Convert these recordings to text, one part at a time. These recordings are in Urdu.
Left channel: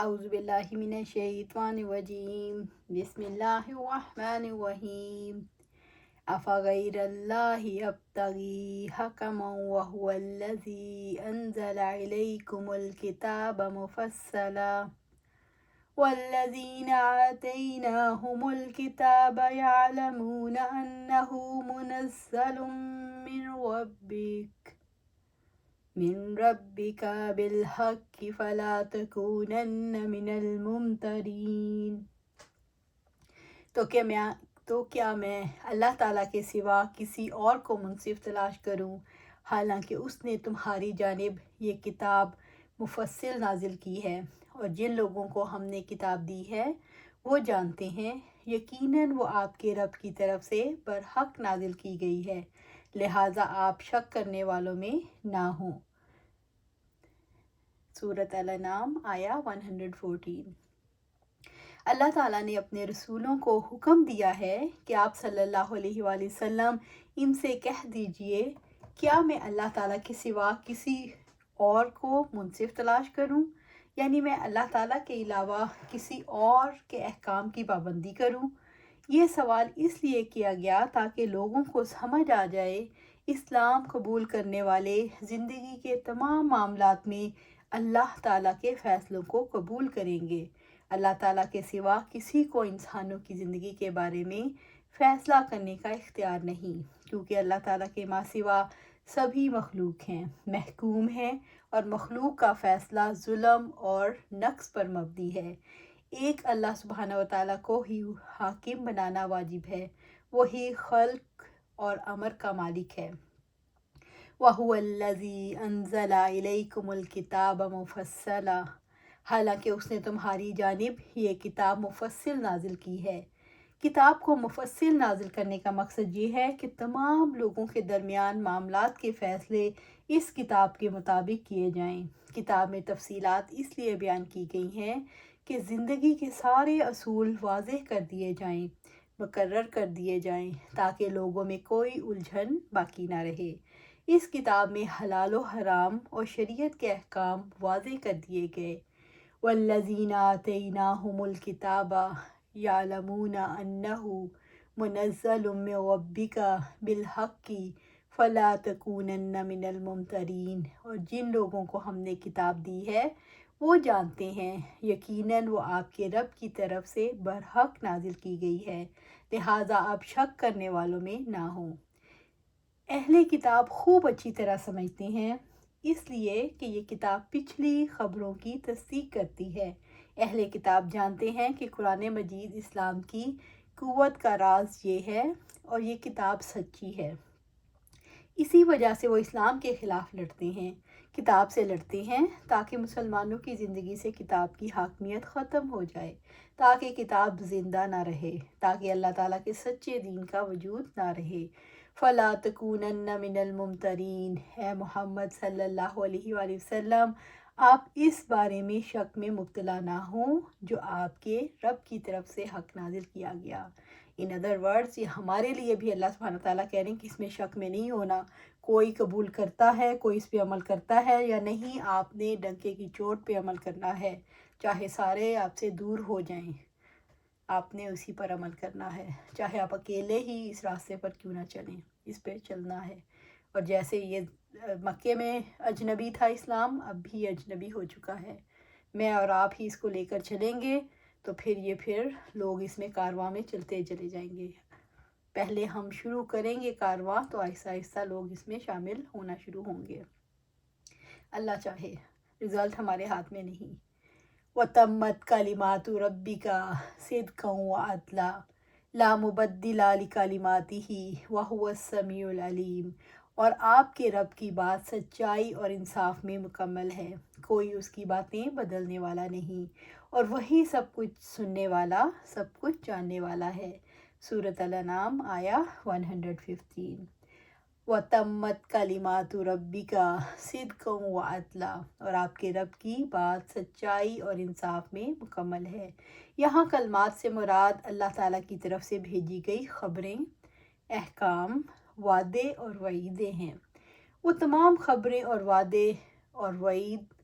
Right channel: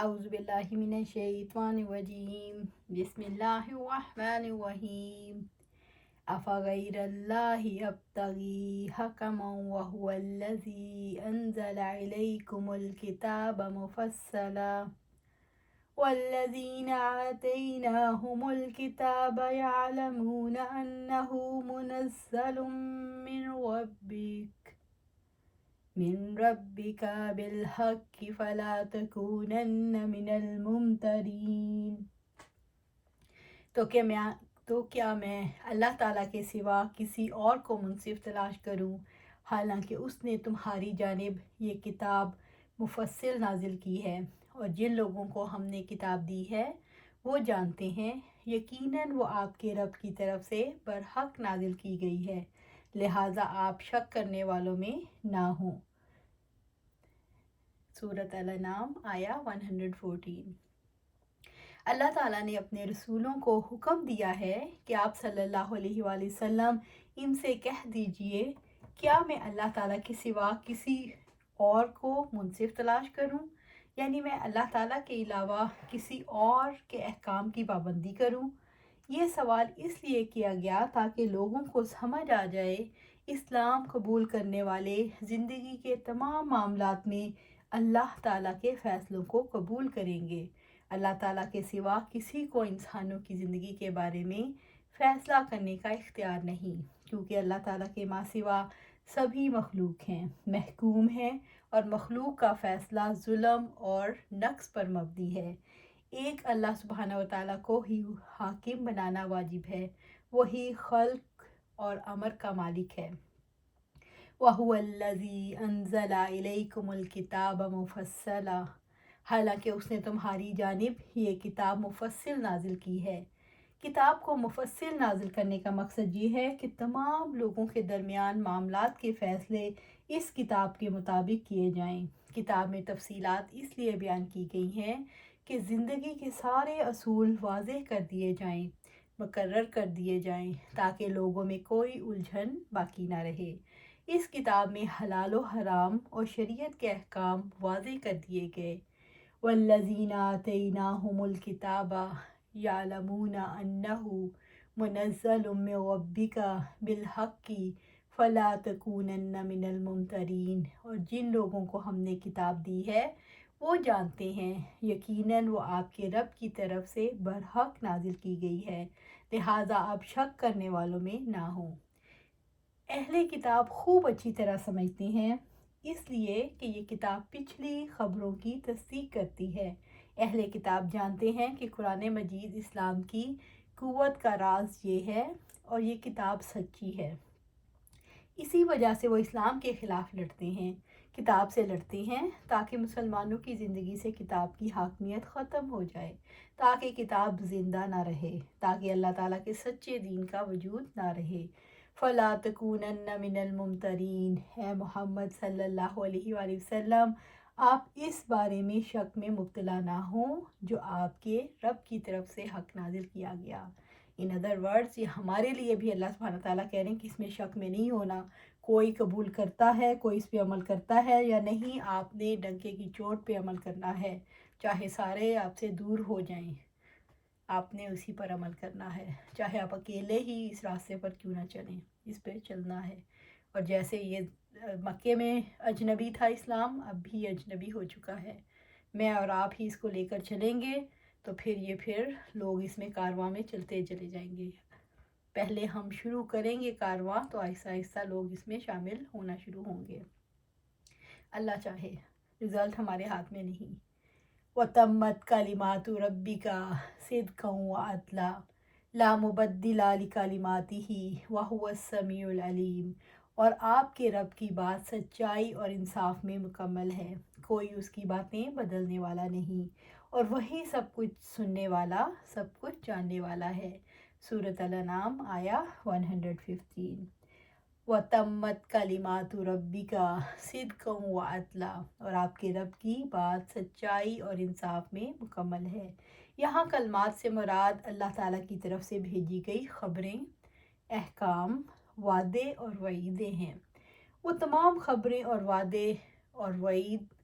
اعوذ باللہ من الشیطان الرجیم بسم اللہ الرحمن الرحیم افغیر اللہ ابتغی حکما وهو الذی انزل الیکم الکتاب مفصلا والذین آتیناہم الکتاب یعلمون انہ منزل من ربک بالحق فلا تکونن من الممترین۔ تو کیا میں اللہ تعالیٰ کے سوا کسی اور کو منصف تلاش کروں، حالانکہ اس نے تمہاری جانب یہ کتاب مفصل نازل کی ہے، اور جن لوگوں کو ہم نے کتاب دی ہے وہ جانتے ہیں یقیناً وہ آپ کے رب کی طرف سے برحق نازل کی گئی ہے، لہٰذا آپ شک کرنے والوں میں نہ ہوں۔ سورۃ الانعام آیا 114۔ اللہ تعالیٰ نے اپنے رسولوں کو حکم دیا ہے کہ آپ صلی اللہ علیہ وآلہ وسلم ان سے کہہ دیجئے، کیا میں اللہ تعالیٰ کے سوا کسی اور کو منصف تلاش کروں، یعنی میں اللہ تعالیٰ کے علاوہ کسی اور کے احکام کی پابندی کروں؟ یہ سوال اس لیے کیا گیا تاکہ لوگوں کو سمجھ آ جائے اسلام قبول کرنے والے زندگی کے تمام معاملات میں اللہ تعالیٰ کے فیصلوں کو قبول کریں گے۔ اللہ تعالیٰ کے سوا کسی کو انسانوں کی زندگی کے بارے میں فیصلہ کرنے کا اختیار نہیں، کیونکہ اللہ تعالیٰ کے ماں سوا سبھی مخلوق ہیں، محکوم ہیں، اور مخلوق کا فیصلہ ظلم اور نقص پر مبنی ہے۔ ایک اللہ سبحانہ و تعالیٰ کو ہی حاکم بنانا واجب ہے، وہی خلق اور امر کا مالک ہے۔ وَهُوَ الَّذِي أَنزَلَ إِلَيْكُمُ الْكِتَابَ مُفَصَّلًا، حالانکہ اس نے تمہاری جانب یہ کتاب مفصل نازل کی ہے۔ کتاب کو مفصل نازل کرنے کا مقصد یہ ہے کہ تمام لوگوں کے درمیان معاملات کے فیصلے اس کتاب کے مطابق کیے جائیں۔ کتاب میں تفصیلات اس لیے بیان کی گئی ہیں کہ زندگی کے سارے اصول واضح کر دیے جائیں، مقرر کر دیے جائیں، تاکہ لوگوں میں کوئی الجھن باقی نہ رہے۔ اس کتاب میں حلال و حرام اور شریعت کے احکام واضح کر دیے گئے۔ والذین آتیناہم الکتاب یعلمون انہ منزل من ربک بالحق فلا تکونن من الممترین، اور جن لوگوں کو ہم نے کتاب دی ہے وہ جانتے ہیں یقیناً وہ آپ کے رب کی طرف سے برحق نازل کی گئی ہے، لہٰذا آپ شک کرنے والوں میں نہ ہوں۔ اہل کتاب خوب اچھی طرح سمجھتے ہیں، اس لیے کہ یہ کتاب پچھلی خبروں کی تصدیق کرتی ہے۔ اہل کتاب جانتے ہیں کہ قرآن مجید اسلام کی قوت کا راز یہ ہے، اور یہ کتاب سچی ہے۔ اسی وجہ سے وہ اسلام کے خلاف لڑتے ہیں، کتاب سے لڑتے ہیں، تاکہ مسلمانوں کی زندگی سے کتاب کی حاکمیت ختم ہو جائے، تاکہ کتاب زندہ نہ رہے، تاکہ اللہ تعالیٰ کے سچے دین کا وجود نہ رہے۔ فلا تکونن من الممترین، اے محمد صلی اللہ علیہ وآلہ وسلم، آپ اس بارے میں شک میں مبتلا نہ ہوں جو آپ کے رب کی طرف سے حق نازل کیا گیا۔ ان ادر ورڈز، یہ ہمارے لیے بھی اللہ سبحانہ تعالیٰ کہہ رہے ہیں کہ اس میں شک میں نہیں ہونا، کوئی قبول کرتا ہے، کوئی اس پہ عمل کرتا ہے یا نہیں، آپ نے ڈنکے کی چوٹ پہ عمل کرنا ہے، چاہے سارے آپ سے دور ہو جائیں، آپ نے اسی پر عمل کرنا ہے، چاہے آپ اکیلے ہی اس راستے پر کیوں نہ چلیں، اس پہ چلنا ہے۔ اور جیسے یہ مکے میں اجنبی تھا اسلام، اب بھی اجنبی ہو چکا ہے، میں اور آپ ہی اس کو لے کر چلیں گے تو پھر لوگ اس میں کارواں میں چلتے چلے جائیں گے۔ پہلے ہم شروع کریں گے کارواں تو آہستہ آہستہ لوگ اس میں شامل ہونا شروع ہوں گے، اللہ چاہے، رزلٹ ہمارے ہاتھ میں نہیں۔ وَتَمَّتْ كَلِمَاتُ رَبِّكَ صِدْقًا وَعَدْلًا لَا مُبَدِّلَ لِكَلِمَاتِهِ وَهُوَ السَّمِيعُ الْعَلِيمُ، اور آپ کے رب کی بات سچائی اور انصاف میں مکمل ہے، کوئی اس کی باتیں بدلنے والا نہیں، اور وہی سب کچھ سننے والا، سب کچھ جاننے والا ہے۔ سورۃ الانعام آیا 115۔ وَتَمَّتْ كَلِمَاتُ رَبِّكَ صِدْقًا وَعَدْلًا، اور آپ کے رب کی بات سچائی اور انصاف میں مکمل ہے۔ یہاں کلمات سے مراد اللہ تعالیٰ کی طرف سے بھیجی گئی خبریں، احکام، وعدے اور وعیدیں ہیں۔ وہ تمام خبریں اور وعدے اور وعید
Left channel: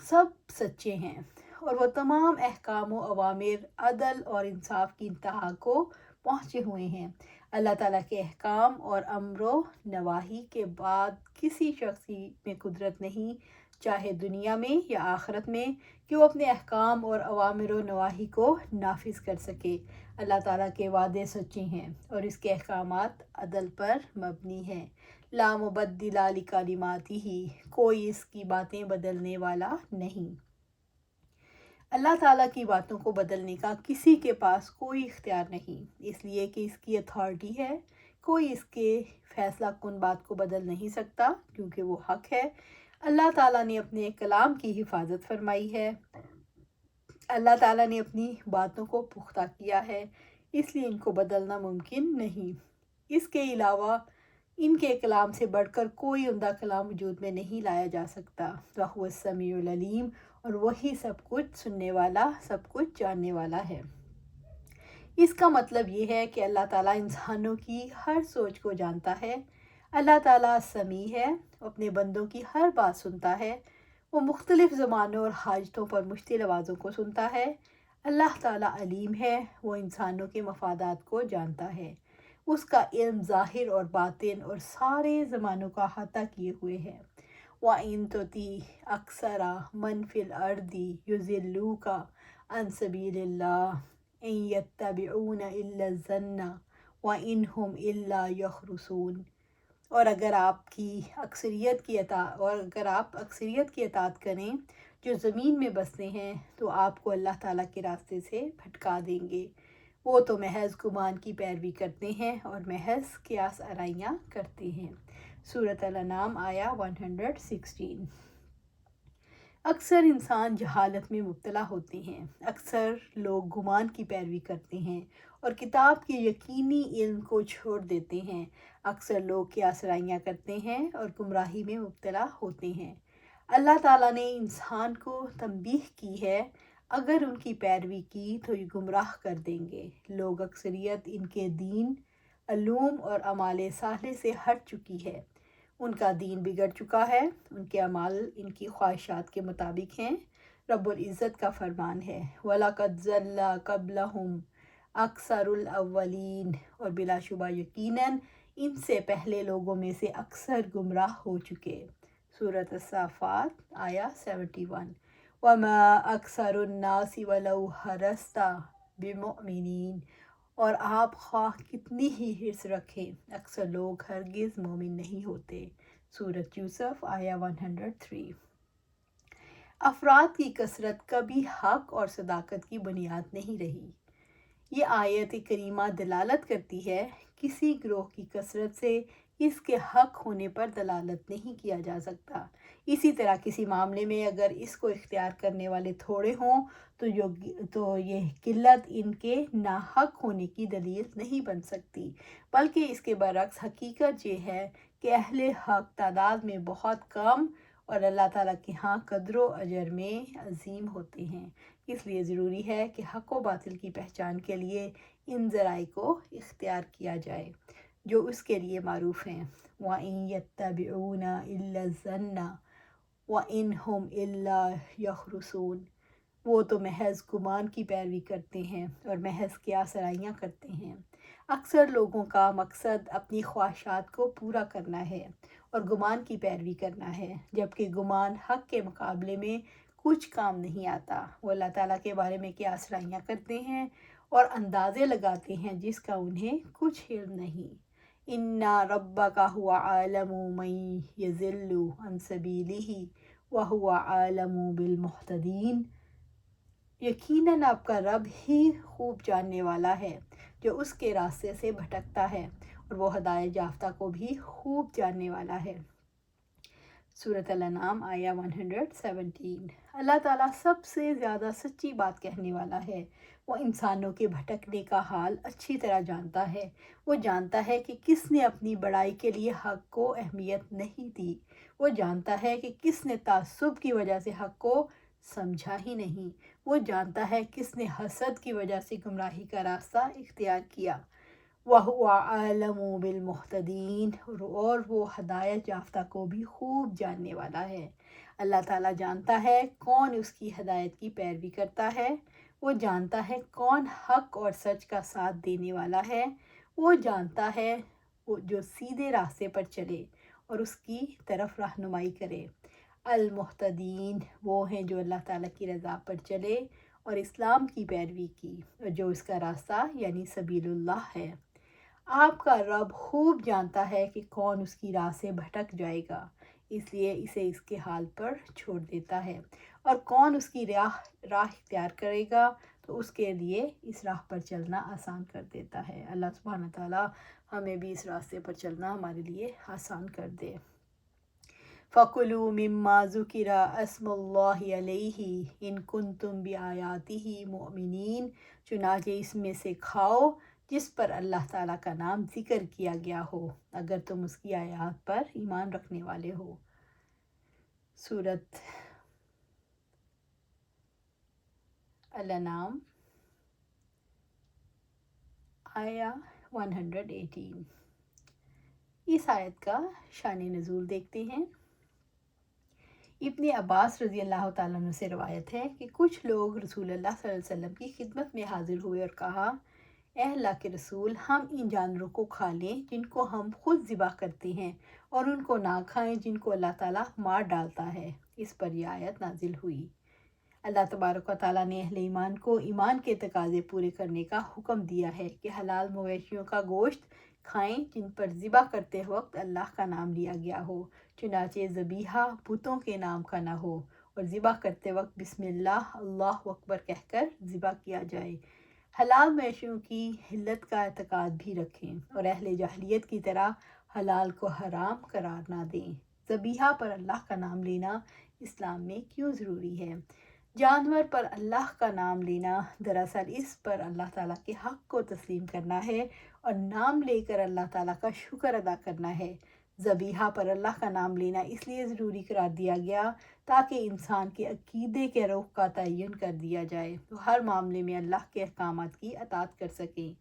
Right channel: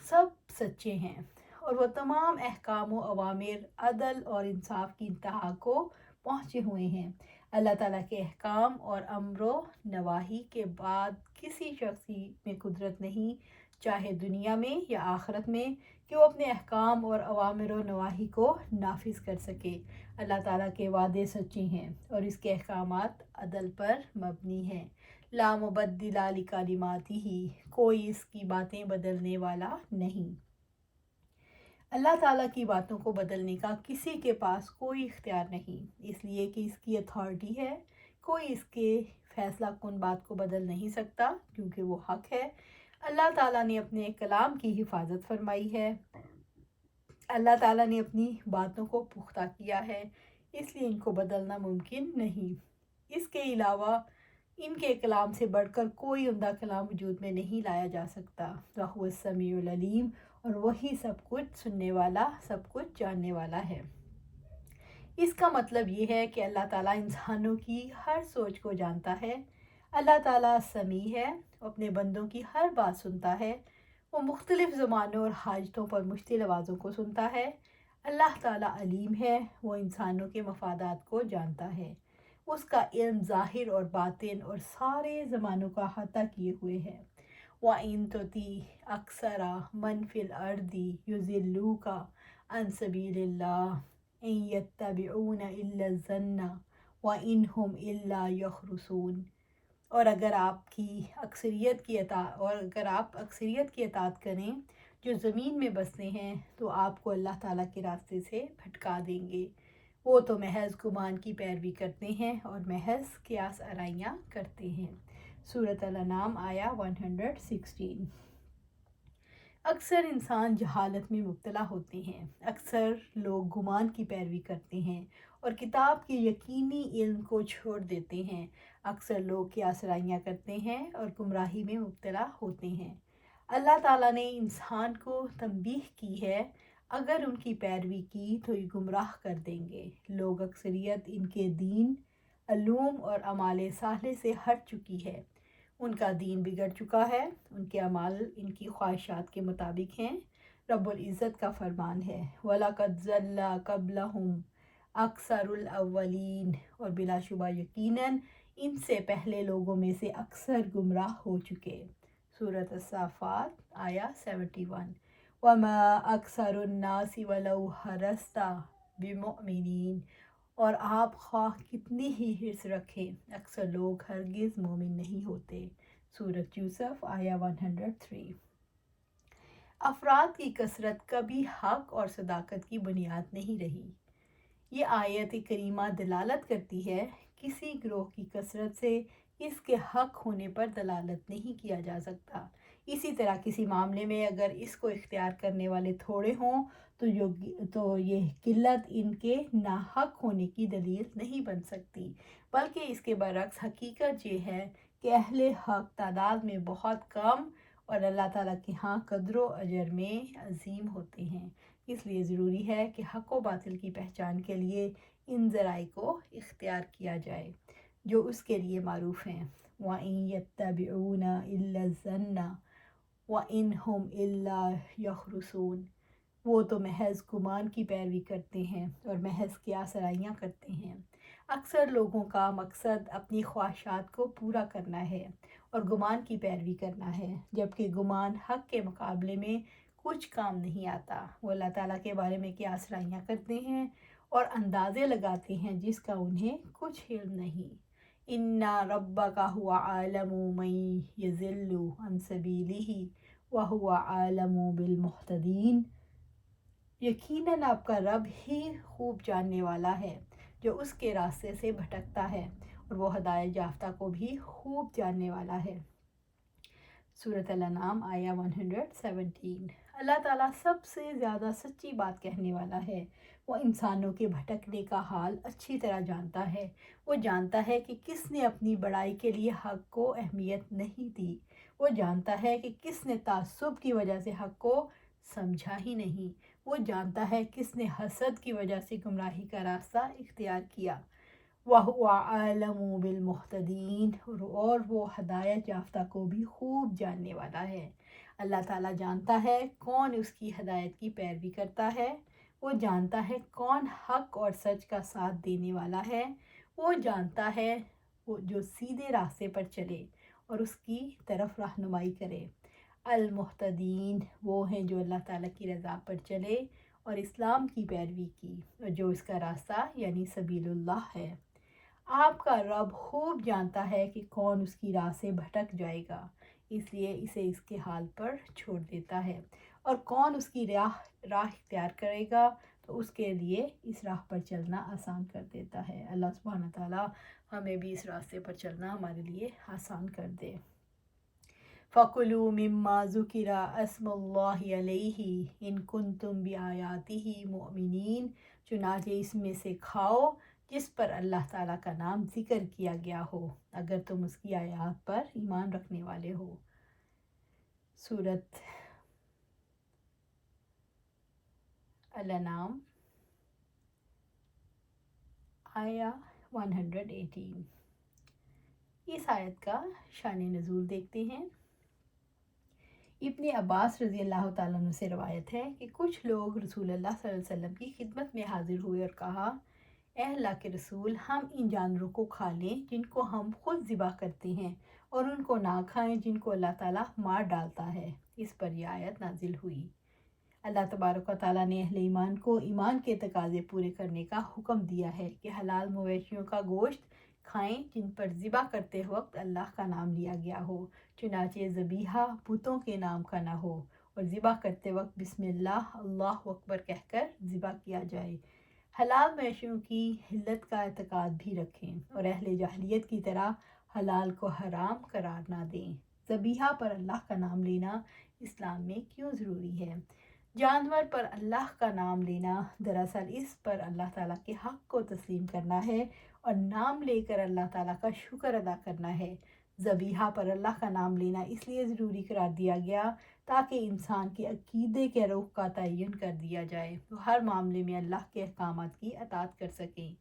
سب سچے ہیں، اور وہ تمام احکام و اوامر عدل اور انصاف کی انتہا کو پہنچے ہوئے ہیں۔ اللہ تعالیٰ کے احکام اور امر و نواہی کے بعد کسی شخص میں قدرت نہیں، چاہے دنیا میں یا آخرت میں، کہ وہ اپنے احکام اور اوامر و نواہی کو نافذ کر سکے۔ اللہ تعالیٰ کے وعدے سچے ہیں اور اس کے احکامات عدل پر مبنی ہیں۔ لا مبدل لکلماتہ، کوئی اس کی باتیں بدلنے والا نہیں۔ اللہ تعالیٰ کی باتوں کو بدلنے کا کسی کے پاس کوئی اختیار نہیں، اس لیے کہ اس کی اتھارٹی ہے۔ کوئی اس کے فیصلہ کن بات کو بدل نہیں سکتا کیونکہ وہ حق ہے۔ اللہ تعالیٰ نے اپنے کلام کی حفاظت فرمائی ہے۔ اللہ تعالیٰ نے اپنی باتوں کو پختہ کیا ہے، اس لیے ان کو بدلنا ممکن نہیں۔ اس کے علاوہ ان کے کلام سے بڑھ کر کوئی عمدہ کلام وجود میں نہیں لایا جا سکتا۔ وَهُوَ السَّمِيعُ الْعَلِيمُ، اور وہی سب کچھ سننے والا، سب کچھ جاننے والا ہے۔ اس کا مطلب یہ ہے کہ اللہ تعالیٰ انسانوں کی ہر سوچ کو جانتا ہے۔ اللہ تعالیٰ سمیع ہے، اپنے بندوں کی ہر بات سنتا ہے۔ وہ مختلف زبانوں اور حاجتوں پر مشتمل آوازوں کو سنتا ہے۔ اللہ تعالیٰ علیم ہے، وہ انسانوں کے مفادات کو جانتا ہے۔ اس کا علم ظاہر اور باطن اور سارے زمانوں کا احاطہ کیے ہوئے ہے۔ وَإِن تُطِعْ أَكْثَرَ مَنْ فِي الْأَرْضِ يُضِلُّوكَ عَنْ سَبِيلِ اللَّهِ إِن يَتَّبِعُونَ إِلَّا الظَّنَّ وَإِنْ هُمْ إِلَّا يَخْرُصُونَ، اور اگر آپ اکثریت کی اطاعت کریں جو زمین میں بستے ہیں تو آپ کو اللہ تعالیٰ کے راستے سے بھٹکا دیں گے۔ وہ تو محض گمان کی پیروی کرتے ہیں اور محض قیاس آرائیاں کرتے ہیں۔ سورۃ الانعام آیا 116۔ اکثر انسان جہالت میں مبتلا ہوتے ہیں، اکثر لوگ گمان کی پیروی کرتے ہیں اور کتاب کے یقینی علم کو چھوڑ دیتے ہیں، اکثر لوگ قیاس آرائیاں کرتے ہیں اور گمراہی میں مبتلا ہوتے ہیں۔ اللہ تعالیٰ نے انسان کو تنبیہ کی ہے، اگر ان کی پیروی کی تو یہ گمراہ کر دیں گے۔ لوگ اکثریت ان کے دین، علوم اور اعمال صالح سے ہٹ چکی ہے، ان کا دین بگڑ چکا ہے، ان کے اعمال ان کی خواہشات کے مطابق ہیں۔ رب العزت کا فرمان ہے، وَلَقَدْ ضَلَّ قَبْلَهُمْ أَكْثَرُ الْأَوَّلِينَ، اور بلا شبہ یقیناً ان سے پہلے لوگوں میں سے اکثر گمراہ ہو چکے۔ سورۃ الصافات آیا 71۔ وَمَا أَكْثَرُ النَّاسِ وَلَوْ حَرَصْتَ بِمُؤْمِنِينَ، اور آپ خواہ کتنی ہی حرص رکھیں اکثر لوگ ہرگز مومن نہیں ہوتے۔ سورۃ یوسف آیا 103۔ افراد کی کثرت کبھی حق اور صداقت کی بنیاد نہیں رہی۔ یہ آیت کریمہ دلالت کرتی ہے، کسی گروہ کی کثرت سے اس کے حق ہونے پر دلالت نہیں کیا جا سکتا۔ اسی طرح کسی معاملے میں اگر اس کو اختیار کرنے والے تھوڑے ہوں تو یہ قلت ان کے ناحق ہونے کی دلیل نہیں بن سکتی، بلکہ اس کے برعکس حقیقت یہ ہے کہ اہل حق تعداد میں بہت کم اور اللہ تعالیٰ کے ہاں قدر و اجر میں عظیم ہوتے ہیں۔ اس لیے ضروری ہے کہ حق و باطل کی پہچان کے لیے ان ذرائع کو اختیار کیا جائے جو اس کے لیے معروف ہیں۔ وَإِن يَتَّبِعُونَ إِلَّا الظَّنَّ وَإِنْ هُمْ إِلَّا يَخْرُصُونَ، وہ تو محض گمان کی پیروی کرتے ہیں اور محض قیاس آرائیاں کرتے ہیں۔ اکثر لوگوں کا مقصد اپنی خواہشات کو پورا کرنا ہے اور گمان کی پیروی کرنا ہے، جبکہ گمان حق کے مقابلے میں کچھ کام نہیں آتا۔ وہ اللہ تعالیٰ کے بارے میں قیاس آرائیاں کرتے ہیں اور اندازے لگاتے ہیں جس کا انہیں کچھ علم نہیں۔ اِنَّ رَبَّكَ هُوَ أَعْلَمُ مَن يَضِلُّ عَن سَبِيلِهِ وَهُوَ أَعْلَمُ بِالْمُهْتَدِينَ، یقیناً آپ کا رب ہی خوب جاننے والا ہے جو اس کے راستے سے بھٹکتا ہے، اور وہ ہدایت یافتہ کو بھی خوب جاننے والا ہے۔ سورۃ الانعام آیا 117۔ اللہ تعالیٰ سب سے زیادہ سچی بات کہنے والا ہے۔ وہ انسانوں کے بھٹکنے کا حال اچھی طرح جانتا ہے۔ وہ جانتا ہے کہ کس نے اپنی بڑائی کے لیے حق کو اہمیت نہیں دی۔ وہ جانتا ہے کہ کس نے تعصب کی وجہ سے حق کو سمجھا ہی نہیں۔ وہ جانتا ہے کس نے حسد کی وجہ سے گمراہی کا راستہ اختیار کیا۔ وَهُوَ أَعْلَمُ بِالْمُهْتَدِينَ، اور وہ ہدایت یافتہ کو بھی خوب جاننے والا ہے۔ اللہ تعالیٰ جانتا ہے کون اس کی ہدایت کی پیروی کرتا ہے، وہ جانتا ہے کون حق اور سچ کا ساتھ دینے والا ہے، وہ جانتا ہے وہ جو سیدھے راستے پر چلے اور اس کی طرف رہنمائی کرے۔ المحتدین وہ ہیں جو اللہ تعالیٰ کی رضا پر چلے اور اسلام کی پیروی کی، اور جو اس کا راستہ یعنی سبیل اللہ ہے۔ آپ کا رب خوب جانتا ہے کہ کون اس کی راہ سے بھٹک جائے گا، اس لیے اسے اس کے حال پر چھوڑ دیتا ہے، اور کون اس کی راہ اختیار کرے گا تو اس کے لیے اس راہ پر چلنا آسان کر دیتا ہے۔ اللہ سبحانہ تعالیٰ ہمیں بھی اس راستے پر چلنا ہمارے لیے آسان کر دے۔ فَكُلُوا مِمَّا ذُكِرَ اسْمُ اللَّهِ عَلَيْهِ إِن كُنتُم بِآيَاتِهِ مُؤْمِنِينَ، چنانچہ اس میں سے کھاؤ جس پر اللہ تعالیٰ کا نام ذکر کیا گیا ہو، اگر تم اس کی آیات پر ایمان رکھنے والے ہو۔ سورۃ الانعام آیا 118۔ اس آیت کا شان نزول دیکھتے ہیں۔ ابن عباس رضی اللہ تعالیٰ عنہ سے روایت ہے کہ کچھ لوگ رسول اللہ صلی اللہ علیہ وسلم کی خدمت میں حاضر ہوئے اور کہا، اے اللہ کے رسول، ہم ان جانوروں کو کھا لیں جن کو ہم خود ذبح کرتے ہیں، اور ان کو نہ کھائیں جن کو اللہ تعالیٰ مار ڈالتا ہے۔ اس پر یہ آیت نازل ہوئی۔ اللہ تبارک و تعالیٰ نے اہل ایمان کو ایمان کے تقاضے پورے کرنے کا حکم دیا ہے کہ حلال مویشیوں کا گوشت کھائیں جن پر ذبح کرتے وقت اللہ کا نام لیا گیا ہو، چنانچہ ذبیحہ بتوں کے نام کا نہ ہو، اور ذبح کرتے وقت بسم اللہ اللہ اکبر کہہ کر ذبح کیا جائے۔ حلال مویشیوں کی حلت کا اعتقاد بھی رکھیں اور اہل جاہلیت کی طرح حلال کو حرام قرار نہ دیں۔ ذبیحہ پر اللہ کا نام لینا اسلام میں کیوں ضروری ہے؟ جانور پر اللہ کا نام لینا دراصل اس پر اللہ تعالیٰ کے حق کو تسلیم کرنا ہے اور نام لے کر اللہ تعالیٰ کا شکر ادا کرنا ہے۔ ذبیحہ پر اللہ کا نام لینا اس لیے ضروری قرار دیا گیا تاکہ انسان کے عقیدے کے رخ کا تعین کر دیا جائے، تو ہر معاملے میں اللہ کے احکامات کی اطاعت کر سکیں۔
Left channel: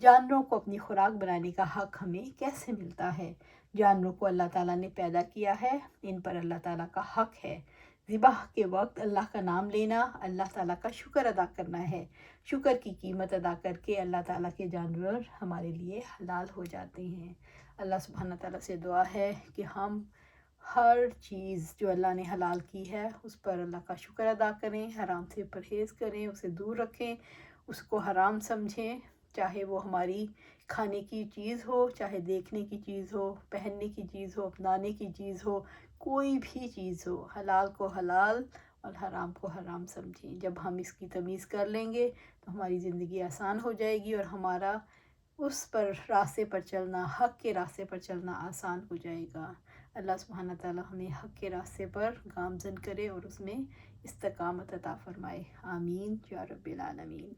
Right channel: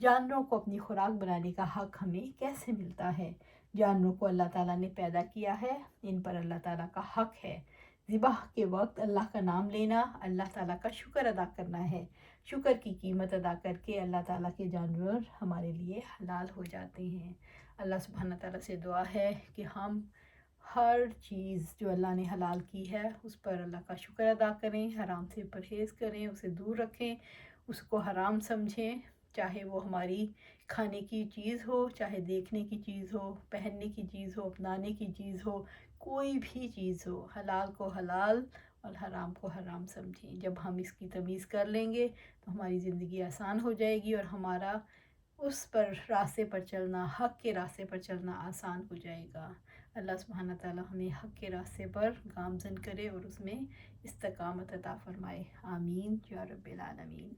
جانوروں کو اپنی خوراک بنانے کا حق ہمیں کیسے ملتا ہے؟ جانوروں کو اللہ تعالیٰ نے پیدا کیا ہے، ان پر اللہ تعالیٰ کا حق ہے۔ ذبح کے وقت اللہ کا نام لینا اللہ تعالیٰ کا شکر ادا کرنا ہے۔ شکر کی قیمت ادا کر کے اللہ تعالیٰ کے جانور ہمارے لیے حلال ہو جاتے ہیں۔ اللہ سبحانہ تعالیٰ سے دعا ہے کہ ہم ہر چیز جو اللہ نے حلال کی ہے اس پر اللہ کا شکر ادا کریں، حرام سے پرہیز کریں، اسے دور رکھیں، اس کو حرام سمجھیں، چاہے وہ ہماری کھانے کی چیز ہو، چاہے دیکھنے کی چیز ہو، پہننے کی چیز ہو، اپنانے کی چیز ہو، کوئی بھی چیز ہو، حلال کو حلال اور حرام کو حرام سمجھیں۔ جب ہم اس کی تمیز کر لیں گے تو ہماری زندگی آسان ہو جائے گی اور ہمارا اس پر راستے پر چلنا، حق کے راستے پر چلنا آسان ہو جائے گا۔ اللہ سبحانہ تعالیٰ ہمیں حق کے راستے پر گامزن کرے اور اس میں استقامت عطا فرمائے۔ آمین یا رب العالمین۔